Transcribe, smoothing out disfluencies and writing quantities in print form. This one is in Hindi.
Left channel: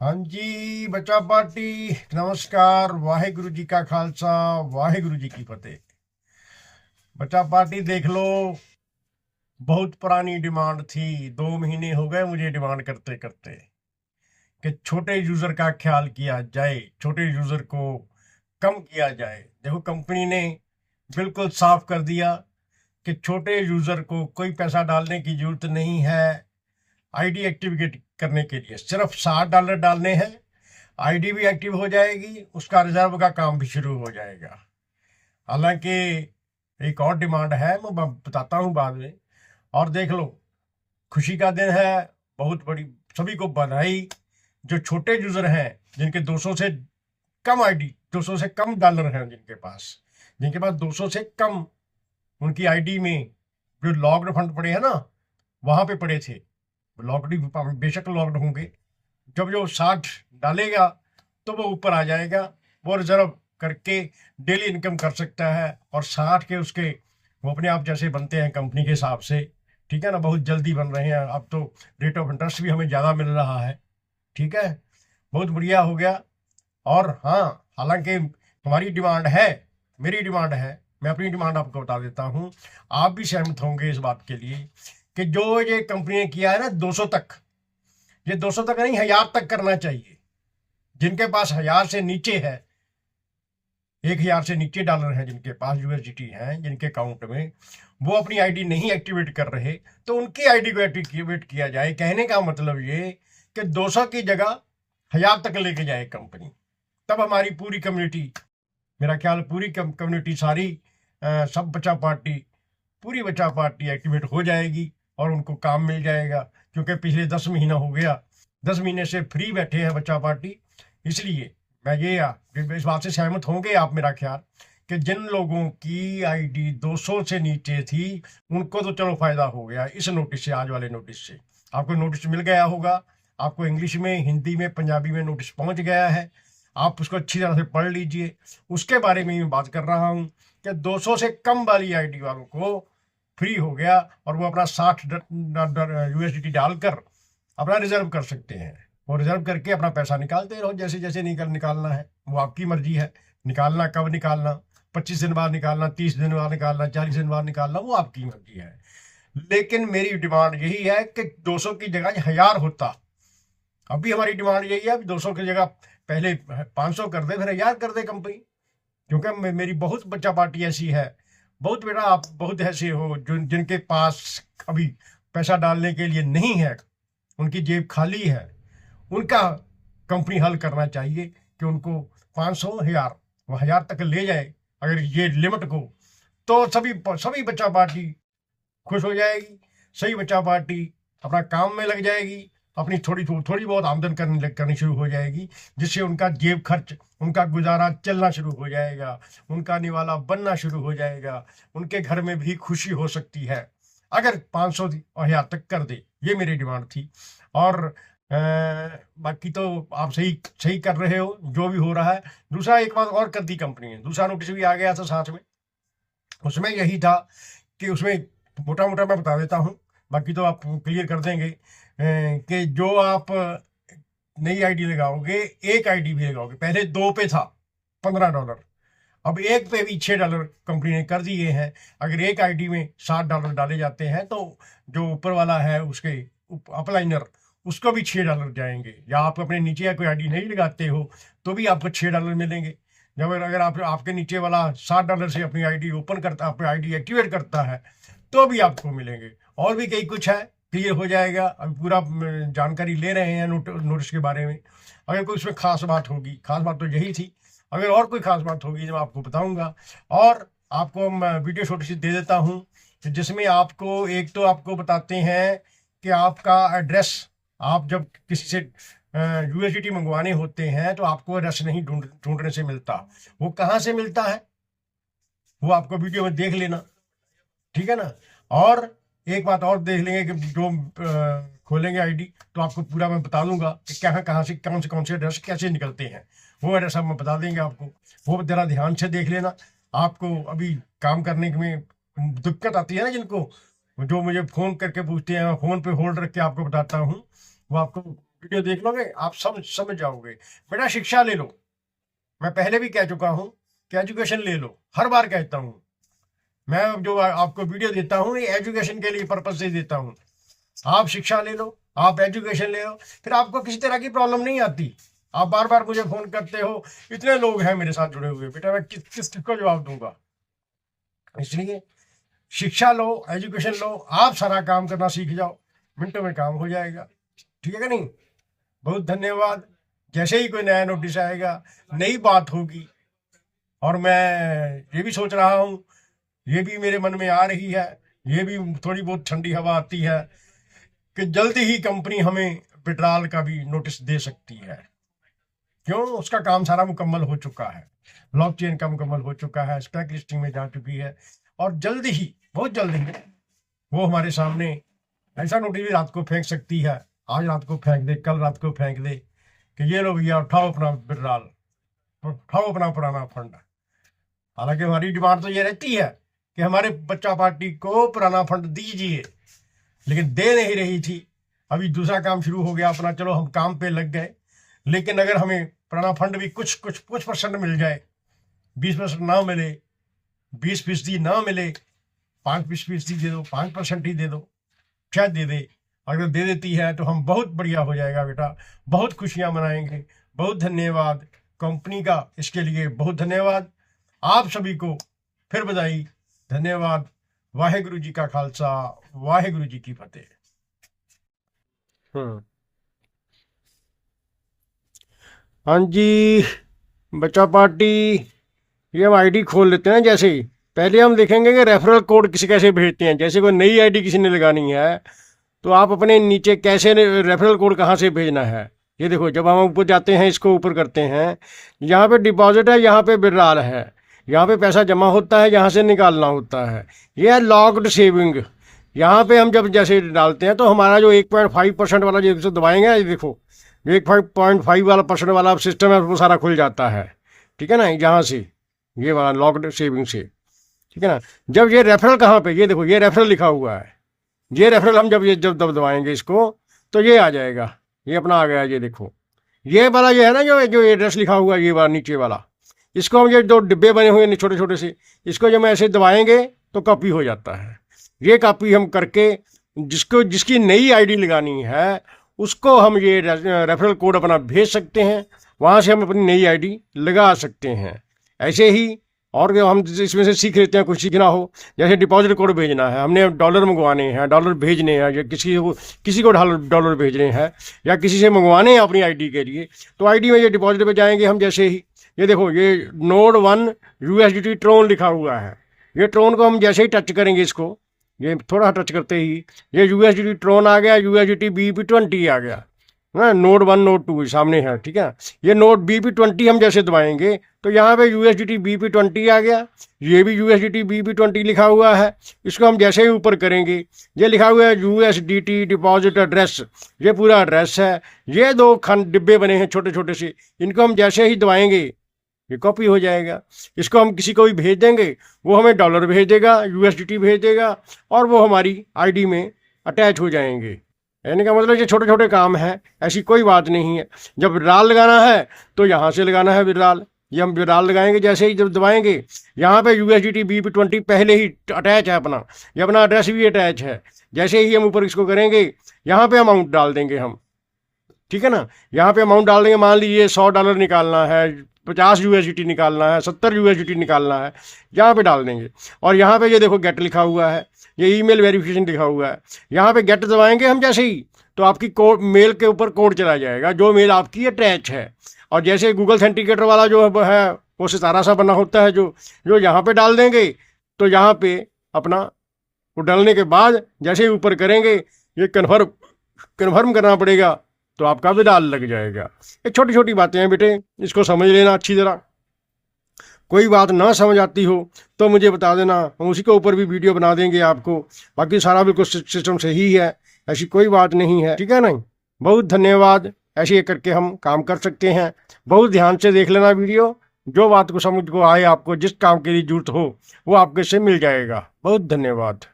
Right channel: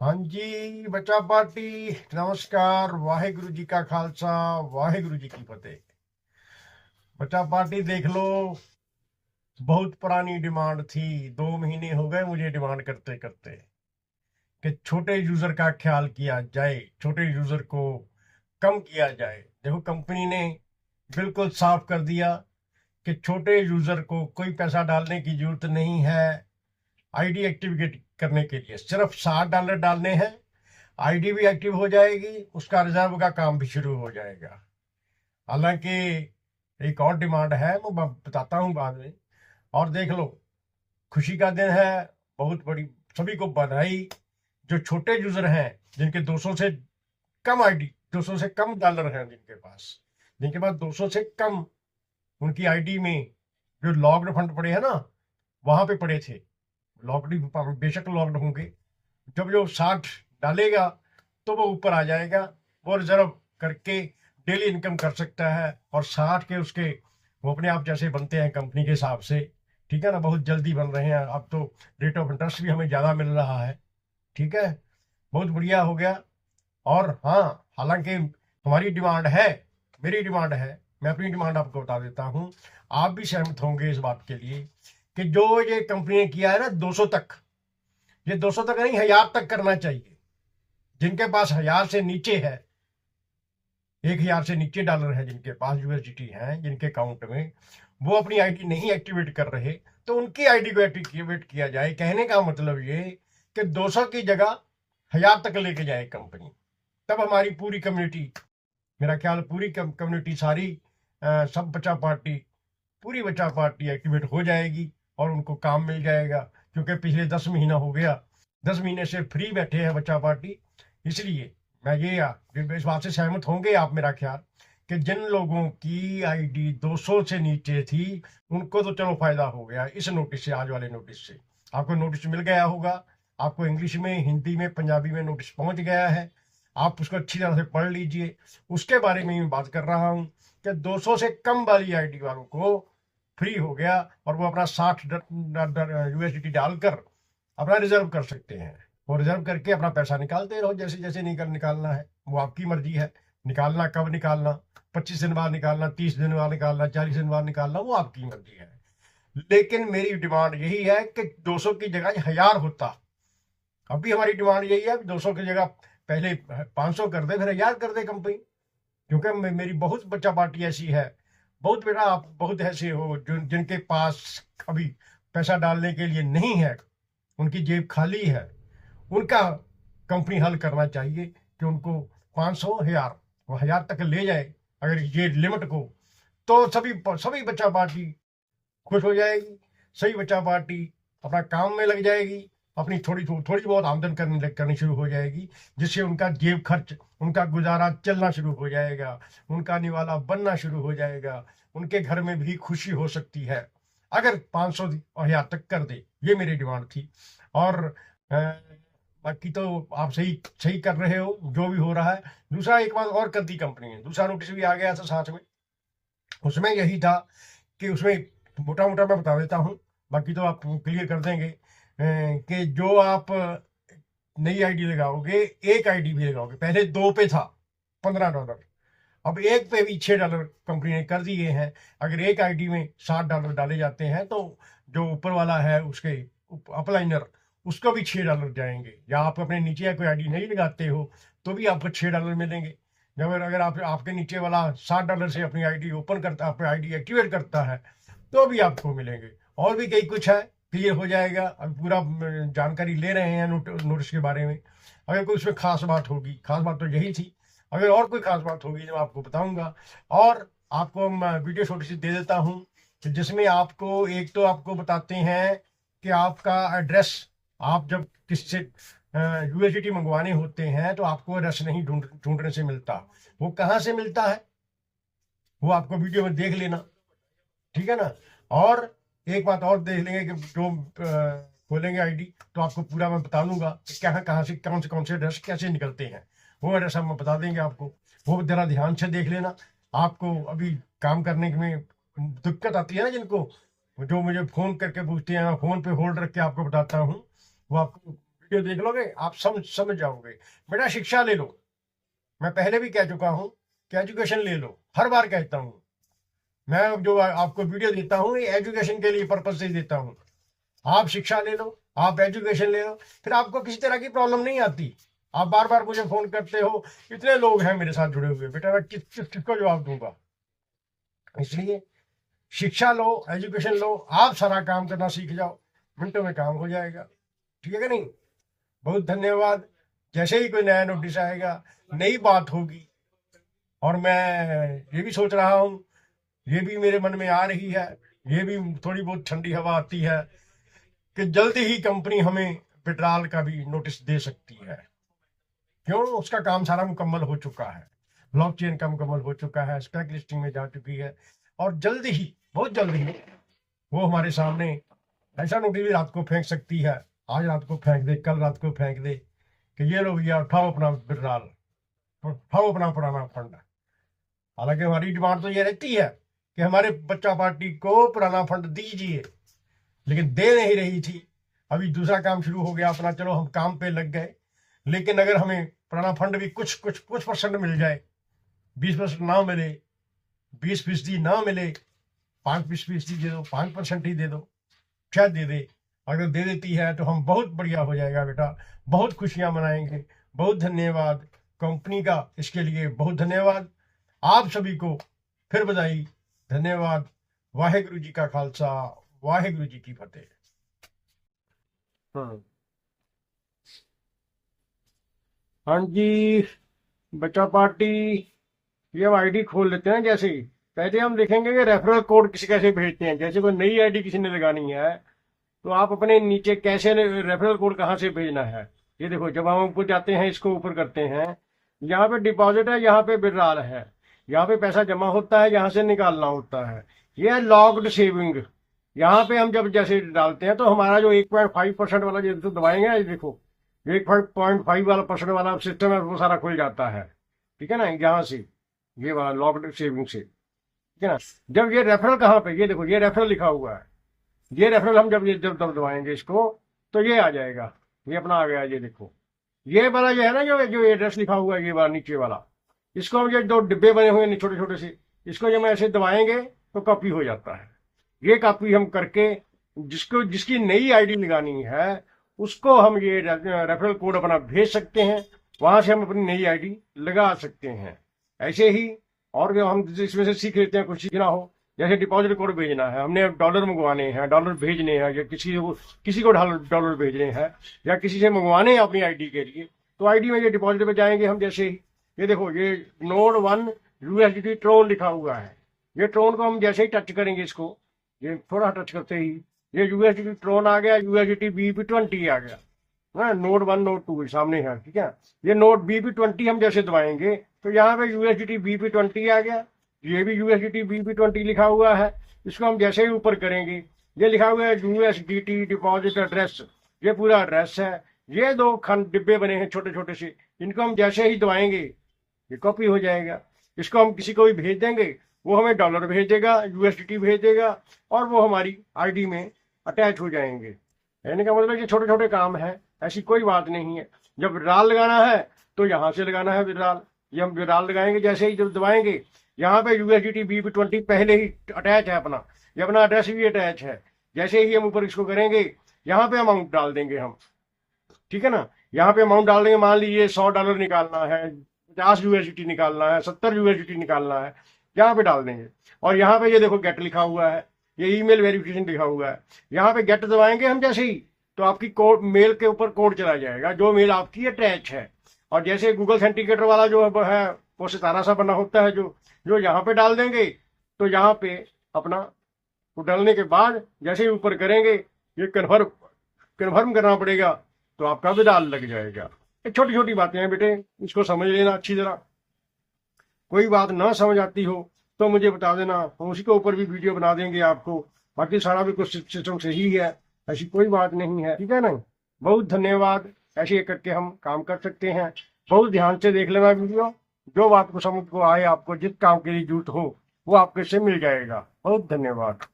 हाँ जी, बचा पार्टी नमस्कार। वाहेगुरु जी का खालसा, वाहेगुरु जी की फतेह। बचा पार्टी देख लो, बहुत पुरानी डिमांड थी। 2 महीने हो गए मुझे डिमांड करते करते कि छोटे यूजर का ख्याल किया जाए, छोटे यूजर को कम किया जाए। देखो, कंपनी ने बिल्कुल साफ कर दिया कि छोटे यूजर को कोई पैसा डालने की जरूरत नहीं है। आईडी एक्टिवेट करने के लिए सिर्फ $60 डालने हैं, आईडी भी एक्टिव हो जाएगी, उसका रिजर्व का काम भी शुरू हो जाएगा। हालांकि एक और डिमांड है, मैं बताता हूँ बाद में। और देख लो, खुशी का दिन है, बहुत बड़ी। सभी को बधाई। जो छोटे यूजर हैं, जिनके 200 से कम आईडी, 200 से कम डॉलर हैं, जिनके पास 200 से कम उनकी आईडी में जो लॉक्ड फंड पड़े हैं ना, वहां पे पड़े थे। लॉक्ड बेशक लॉक्ड होंगे। जब जो 60 डालेगा तो वो ऊपर आ जाएगा। वो रिजर्व करके डेली इनकम कर सकता है। और 60 के उसके वो अपने आप जैसे बनते हैं कंपनी के हिसाब से। ठीक है ना, बहुत जल्दी बन रहे हैं। अब तो रेट ऑफ इंटरेस्ट भी हमें ज़्यादा मिल रहा है। ठीक है, बहुत बढ़िया हो गया। और हाँ, हालांकि हमारी डिमांड है, मेरी डिमांड है, मैं अपनी डिमांड आपको बता देता हूँ। आप भी सहमत होंगे इस बात के लिए कि जो ये कंपनी ने किया है ना 200 तक, ये 200 तक नहीं, 1000 तक करना चाहिए। जिनके पास 1000 से नीचे है, 1000 से नीचे डॉलर हैं, जिनके पास यूएसडीटी हैं, जिनके अकाउंट में वो अपनी आईडी नहीं एक्टिवेट कर रहे, तो उनकी आईडी को एक्टिवेट किया जाए। कहने का मतलब ये कि 200 की जगह 1000 तक लेके जाए कंपनी। तब हमारी पूरी कम्युनिटी, मेरा ख्याल पूरी कम्युनिटी सारी, सब बचा पार्टी, पूरी बचा पार्टी एक्टिवेट हो जाएगी और उनको काम मिल जाएगा। क्योंकि पिछले 10 महीना हो गया, 10 महीने से फ्री बैठे हैं बचा पार्टी। इसलिए मैं इस बात से सहमत होंगे आप, मेरा ख्याल, कि जिन लोगों की आईडी 200 से नीचे थी, उनको तो चलो फायदा हो गया इस नोटिस से, आज वाले नोटिस से। आपको नोटिस मिल गया होगा, आपको इंग्लिश में, हिंदी में, पंजाबी में नोटिस पहुंच गया है। आप उसको अच्छी तरह से पढ़ लीजिए। उसके बारे में मैं बात कर रहा हूँ कि 200 से कम वाली आईडी वालों को फ्री हो गया और वो अपना 60 यूएसडी डालकर अपना रिजर्व कर सकते हैं। वो रिजर्व करके अपना पैसा निकालते रहो, जैसे जैसे निकालना है। वो आपकी मर्जी है, निकालना कब निकालना, 25 दिन बाद निकालना, 30 दिन बाद निकालना, 40 दिन बाद निकालना, वो आपकी मर्जी है। लेकिन मेरी डिमांड यही है कि 200 की जगह 1000 होता। अभी हमारी डिमांड यही है, 200 की जगह पहले 500 कर दे, फिर 1000 कर दे कंपनी। क्योंकि मेरी बहुत बच्चा पार्टी ऐसी है, बहुत बेटा, आप बहुत ऐसे हो जो जिनके पास अभी पैसा डालने के लिए नहीं है, उनकी जेब खाली है। उनका कंपनी हल करना चाहिए कि उनको 500, 1000, 1000 तक ले जाए अगर ये लिमिट को। तो सभी सभी बच्चा पार्टी खुश हो जाएगी। सही बच्चा पार्टी अपना काम में लग जाएगी, अपनी थोड़ी थोड़ी बहुत आमदन करनी शुरू हो जाएगी, जिससे उनका जेब खर्च, उनका गुजारा चलना शुरू हो जाएगा, उनका निवाला बनना शुरू हो जाएगा। उनके घर में भी खुशी हो सकती है अगर 500 और 1000 तक कर दे। ये मेरी डिमांड थी। और बाकी तो आप सही सही कर रहे हो जो भी हो रहा है। दूसरा एक बात और कर दी कंपनी ने, दूसरा नोटिस भी आ गया था साथ में। उसमें यही था कि उसमें मोटा मोटा मैं बता देता हूँ, बाकी तो आप क्लियर कर देंगे, कि जो आप नई आईडी लगाओगे, एक आईडी भी लगाओगे, पहले 2 पे था $15, अब एक पे भी $6 कंपनी ने कर दिए हैं। अगर एक आईडी में $60 डाले जाते हैं तो जो ऊपर वाला है उसके अपलाइनर, उसको भी $6 जाएंगे। या आप अपने नीचे कोई आईडी नहीं लगाते हो तो भी आपको $6 मिलेंगे। जब अगर आप आपके नीचे वाला $60 से अपनी आईडी ओपन करता, अपनी आईडी एक्टिवेट करता है, तो भी आपको मिलेंगे। और भी कई कुछ है, क्लियर हो जाएगा। अभी पूरा जानकारी ले रहे हैं नोटिस के बारे में। अगर कोई उसमें खास बात होगी, खास बात तो यही थी। अगर और कोई खास बात होगी जो आपको बताऊंगा। और आपको मैं वीडियो छोटी सी दे देता हूँ, जिसमें आपको एक तो आपको बताते हैं कि आपका एड्रेस, आप जब किसी से यूएसडीटी मंगवाने होते हैं तो आपको एड्रेस नहीं ढूंढने से मिलता। वो कहाँ से मिलता है, वो आपको वीडियो में देख लेना। ठीक है ना। और एक बात और देख लेंगे कि जो खोलेंगे आईडी तो आपको पूरा मैं बता दूंगा कि कहाँ से कौन से एड्रेस कैसे निकलते हैं। वो एड्रेस हम बता देंगे आपको। वो जरा ध्यान से देख लेना। आपको अभी काम करने में दिक्कत आती है ना, जिनको, जो मुझे फोन करके पूछते हैं, मैं फोन पे होल्ड रख के आपको बताता हूँ, वो आपको वीडियो देख लोगे आप समझ जाओगे। बेटा शिक्षा ले लो, मैं पहले भी कह चुका हूं कि एजुकेशन ले लो, हर बार कहता हूं मैं। जो आपको वीडियो देता हूं ये एजुकेशन के लिए पर्पज से देता हूं। आप शिक्षा ले लो, आप एजुकेशन ले लो, फिर आपको किसी तरह की प्रॉब्लम नहीं आती। आप बार बार मुझे फोन करते हो, इतने लोग हैं मेरे साथ जुड़े हुए, बेटा मैं किसको जवाब दूंगा। इसलिए शिक्षा लो, एजुकेशन लो, आप सारा काम करना सीख जाओ, मिनटों में काम हो जाएगा। ठीक है कि नहीं? बहुत धन्यवाद। जैसे ही कोई नया नोटिस आएगा, नई बात होगी, और मैं ये भी सोच रहा हूँ, ये भी मेरे मन में आ रही है, ये भी थोड़ी बहुत ठंडी हवा आती है कि जल्दी ही कंपनी हमें विड्रॉल का भी नोटिस दे सकती है। क्यों? उसका काम सारा मुकम्मल हो चुका है, ब्लॉकचेन का मुकम्मल हो चुका है, स्टॉक लिस्टिंग में जा चुकी है, और जल्दी ही, बहुत जल्दी ही वो हमारे सामने ऐसा नोटिस भी रात को फेंक सकती है। आज रात को फेंक दे, कल रात को फेंक दे कि ये लो भैया उठाओ अपना विड्रॉल, उठाओ अपना पुराना फंड। हालांकि हमारी डिमांड तो ये रहती है कि हमारे बच्चा पार्टी को पुराना फंड दीजिए, लेकिन दे नहीं रही थी। अभी दूसरा काम शुरू हो गया अपना, चलो हम काम पे लग गए। लेकिन अगर हमें पुराना फंड भी कुछ परसेंट मिल जाए, 20% ना मिले, 20% ना मिले, 5% दे दो, 5% ही दे दो, शायद दे दे। अगर दे देती है तो हम बहुत बढ़िया हो जाएगा बेटा, बहुत खुशियां मनाएंगे। बहुत धन्यवाद कंपनी का, इसके लिए बहुत धन्यवाद। आप सभी को फिर बधाई, धन्यवाद। वाहेगुरु जी का खालसा, वाहेगुरु जी की फतेह। हाँ जी बच्चा पार्टी, ये हम आईडी खोल लेते हैं। जैसे ही पहले हम देखेंगे कि रेफरल कोड किसी कैसे भेजते हैं। जैसे कोई नई आईडी किसी ने लगानी है तो आप अपने नीचे कैसे रेफरल कोड कहाँ से भेजना है, ये देखो। जब हम ऊपर जाते हैं, इसको ऊपर करते हैं, यहाँ पे डिपॉजिट है, यहाँ पे विड्रॉल है, यहाँ पे पैसा जमा होता है, यहाँ से निकालना होता है। ये है लॉक्ड सेविंग। यहाँ पे हम जब जैसे डालते हैं तो हमारा जो 1.5% वाला जो दबाएंगे, ये देखो 1.5 वाला % वाला सिस्टम है, वो सारा खुल जाता है। ठीक है ना, यहाँ से ये वाला लॉक्ड सेविंग से। ठीक है ना। जब ये रेफरल कहाँ पे, ये देखो ये रेफरल लिखा हुआ है, ये रेफरल हम जब दबाएंगे इसको तो ये आ जाएगा, ये अपना आ गया। ये देखो ये वाला ये है ना, जो एड्रेस लिखा हुआ है, ये वाला नीचे वाला, इसको हम ये 2 डिब्बे बने हुए हैं छोटे छोटे से, इसको जब हम ऐसे दबाएंगे तो कॉपी हो जाता है। ये कॉपी हम करके जिसकी नई आईडी लगानी है उसको हम ये रेफरल कोड अपना भेज सकते हैं, वहाँ से हम अपनी नई आईडी लगा सकते हैं। ऐसे ही और हम इसमें से सीख लेते हैं, कुछ सीखना हो, जैसे डिपॉजिट कोड भेजना है, हमने डॉलर मंगवाने हैं, डॉलर भेजने हैं, या किसी को डॉलर भेजने हैं, या किसी से मंगवाने हैं अपनी आईडी के लिए, तो आईडी में ये डिपॉजिट पे जाएंगे हम। जैसे ही ये देखो ये नोड 1 USDT ट्रोन लिखा हुआ है, ये ट्रोन को हम जैसे ही टच करेंगे, इसको ये थोड़ा टच करते ही ये USDT ट्रोन आ गया, USDT BP20 आ गया ना। नोड 1 नोड 2 सामने है। ठीक है, ये नोड BP20 हम जैसे दबाएंगे तो यहाँ पे USDT BP20 आ गया, ये भी USDT BP20 लिखा हुआ है। इसको हम जैसे ही ऊपर करेंगे, ये लिखा हुआ है USDT डिपॉजिट एड्रेस, ये पूरा एड्रेस है। ये 2 खंड डिब्बे बने हैं छोटे छोटे से, इनको हम जैसे ही दबाएंगे ये कॉपी हो जाएगा। इसको हम किसी को भी भेज देंगे, वो हमें डॉलर भेज देगा, USDT भेज देगा, और वो हमारी आईडी में अटैच हो जाएंगे। यानी का मतलब ये छोटे छोटे काम है, ऐसी कोई बात नहीं है। जब विड्रॉल लगाना है तो यहाँ से लगाना है विड्रॉल, ये हम विड्रॉल लगाएंगे, जैसे ही जब दबाएंगे यहाँ पे USDT BP20 पहले ही अटैच है अपना, ये अपना एड्रेस भी अटैच है। जैसे ही हम ऊपर इसको करेंगे, यहाँ पे अमाउंट डाल देंगे हम। ठीक है ना, यहाँ पे अमाउंट डाल देंगे। मान लीजिए $100 निकालना है, 50 USDT निकालना है, 70 USDT निकालना है, यहाँ पे डाल देंगे। और यहाँ पे ये देखो गेट लिखा हुआ है, ये ईमेल वेरिफिकेशन लिखा हुआ है। यहाँ पे गेट दबाएंगे हम जैसे ही, तो आपकी मेल के ऊपर कोड चला जाएगा, जो मेल आपकी अटैच है। और जैसे गूगल ऑथेंटिकेटर वाला जो है वो सितारा सा बना होता है, जो यहाँ पे डाल देंगे, तो यहाँ पे अपना वो डालने के बाद जैसे ही ऊपर करेंगे, ये कन्फर्म करना पड़ेगा, तो आपका विड्रॉल लग जाएगा। ये छोटी छोटी बातें हैं बेटे, इसको समझ लेना अच्छी तरह। कोई बात ना समझ आती हो तो मुझे बता देना, हम उसी के ऊपर भी वीडियो बना देंगे आपको। बाकी सारा बिल्कुल सिस्टम सही है, ऐसी कोई बात नहीं है। ठीक है ना, बहुत धन्यवाद। ऐसे करके हम काम कर सकते हैं। बहुत ध्यान से देख लेना वीडियो, जो बात को समझ को आए, आपको जिस काम के लिए जरूरत हो वो आपके से मिल जाएगा। बहुत धन्यवाद।